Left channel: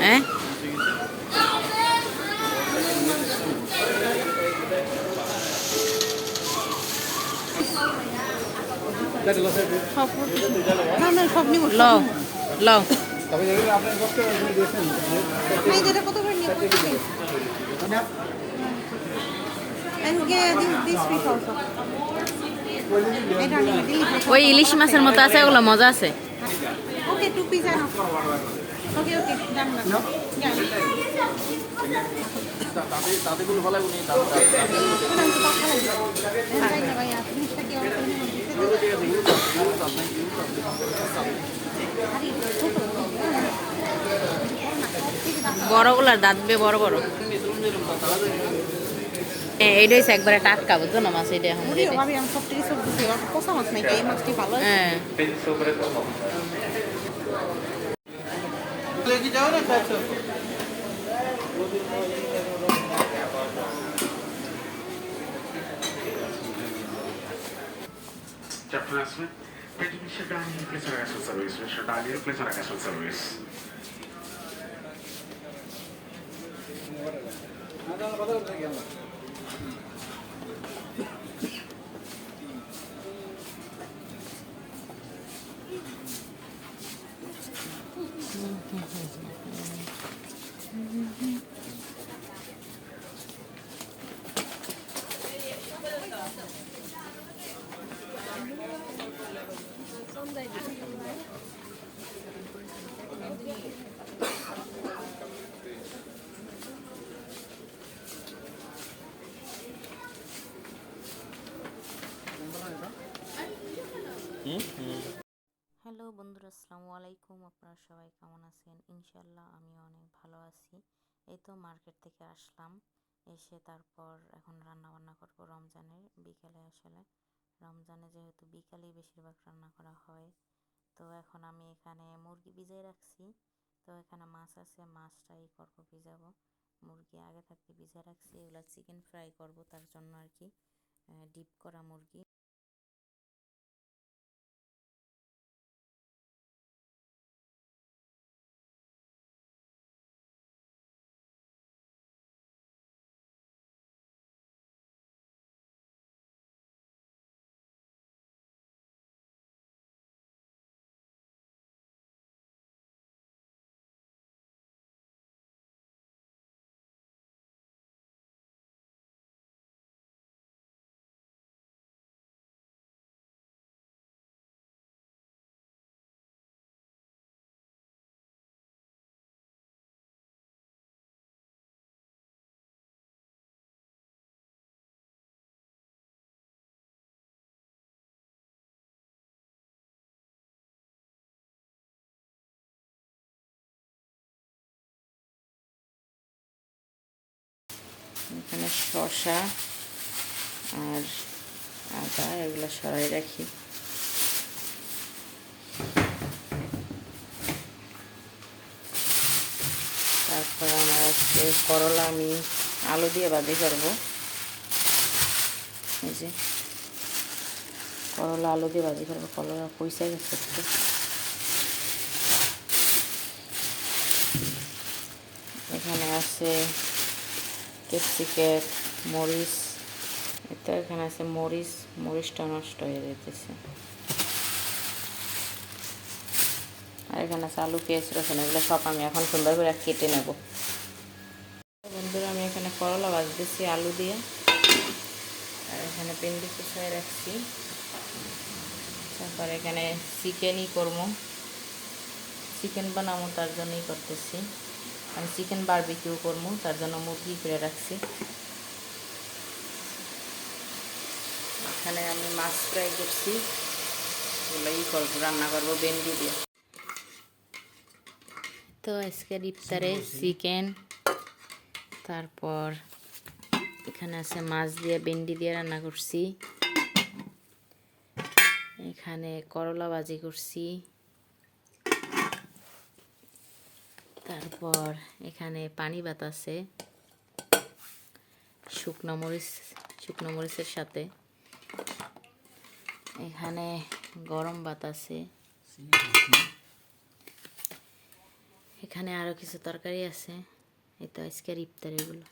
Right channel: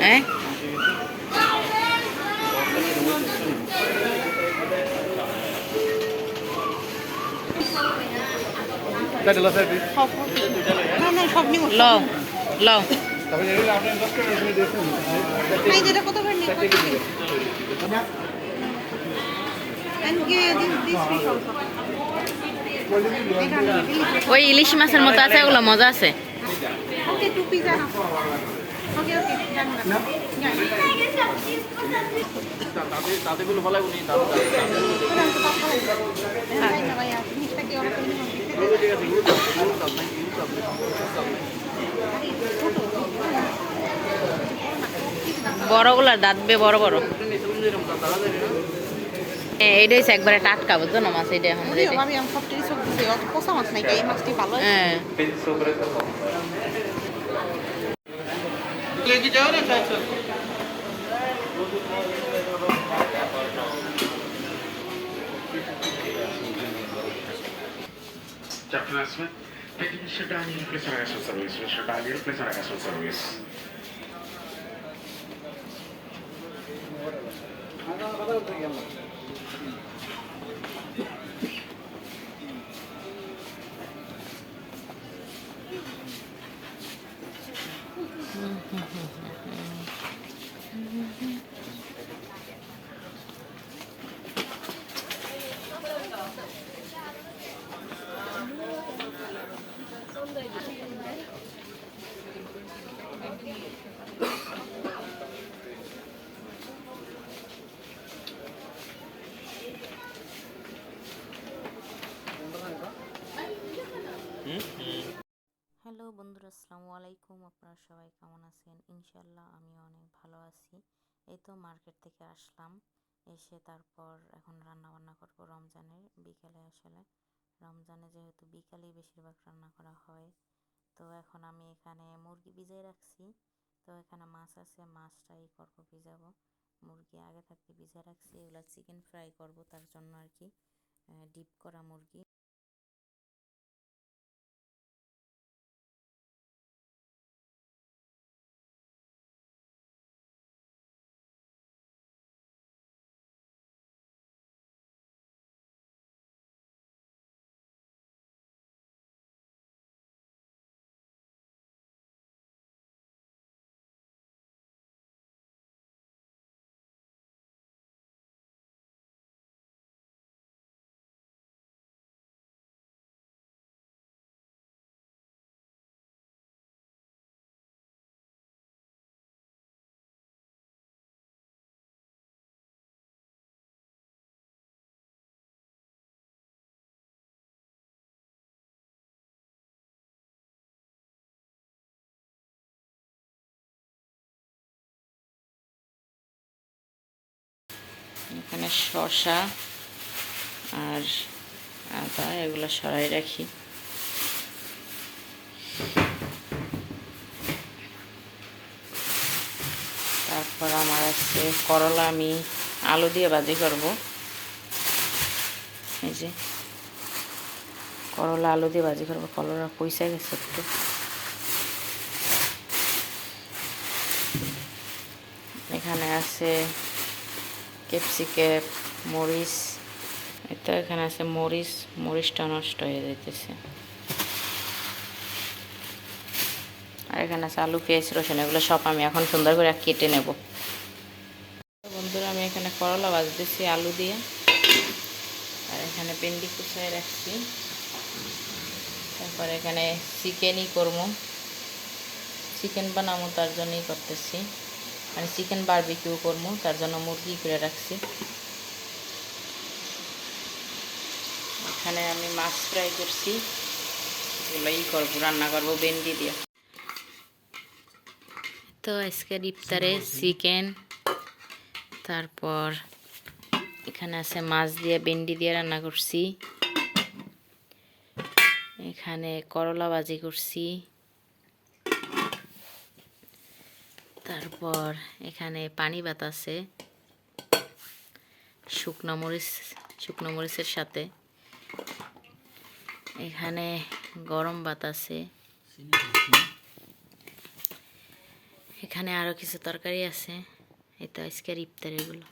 Eh? Lo, lo. ওই ইলিশ মাছের মতো আছে, ওগুলো মজা আছে। বড়গুলার দাঁত বে বড় বড়। এইটা হচ্ছে একবারে টাটকা, বুঝছো না মাছ? এইটা এখন হ্যাঁ। Peki Mr. Daniel, please arrive at service. Mr. Daniel, please arrive at service. Hello বন্ধুরা, আসসালামু আলাইকুম। আপনারা সবাই কেমন আছেন? ইনশাল্লাহ আমি অনেক ভালো আছি। এই তো মার্কেট থেকে আসলাম, এসে তারপর এখন রান্না বান্না করবো রমজানের বিকেলে। আসলে রমজানে যেহেতু বিকালেই বেশিরভাগ রান্না করা হয়, তো এখন আমি এখানে মুরগি ভিজিয়ে রাখছি। তো এখানে মাছ আছে, মাছটাই করব ভিজাবো। মুরগি আগে থাকতে ভিজিয়ে রাখছি, এগুলো চিকেন ফ্রাই করব, তার জন্য আর কি। ডিপ করা মুরগি। এখানে শসা আর আদা এগুলো সরাই রাখি। তারপর আমার আছে করলা, আমি আলু দিয়ে ভাজি করব। এই যে করলা আলু দিয়ে ভাজি করবো, করলা পয়সা গেছে একটু। এখানে আছে ক্যাপসিকাম, মরিচ। এটা এখানে আছে মরিচ, মরিচটা নষ্ট হয়ে যাইতেছে। আর এখানে আছে আলু, পেঁয়াজ, রসুন, এগুলো সব আমি এখন সুন্দর করে কেটে নেব। বন্ধুরা, আমি এখানে করলা ভাজতেছি আলু দিয়ে, আর এখানে ভেন্ডি কুচায় রাখছি। তারপর এখানে চিকেনই করবো, চিকেন বানাবো, তার জন্যই করতেছি। মানে চিকেন বারবিকিউ করবো, তার জন্য মুরগি করে রাখছি। এখানে আমি মাছ ফ্রাই করছি, এগুলোই করবো, রান্না করবো ভেন্ডি দিয়ে। তো আজকের ইফতারে চিকেন, তারপর এখানে আছে মাছ দিয়ে ভেন্ডি দিয়ে রান্না করছি। এখানে করলা ভাজি করছি। তারপর এখানে পানি ভাত আছে, শুকনো মরিচের সাথে। এখানে গরম ভাত আছে, এখানে আরো কিছু তরকারি আছে। এই তো আজকের ইফতার এগুলো।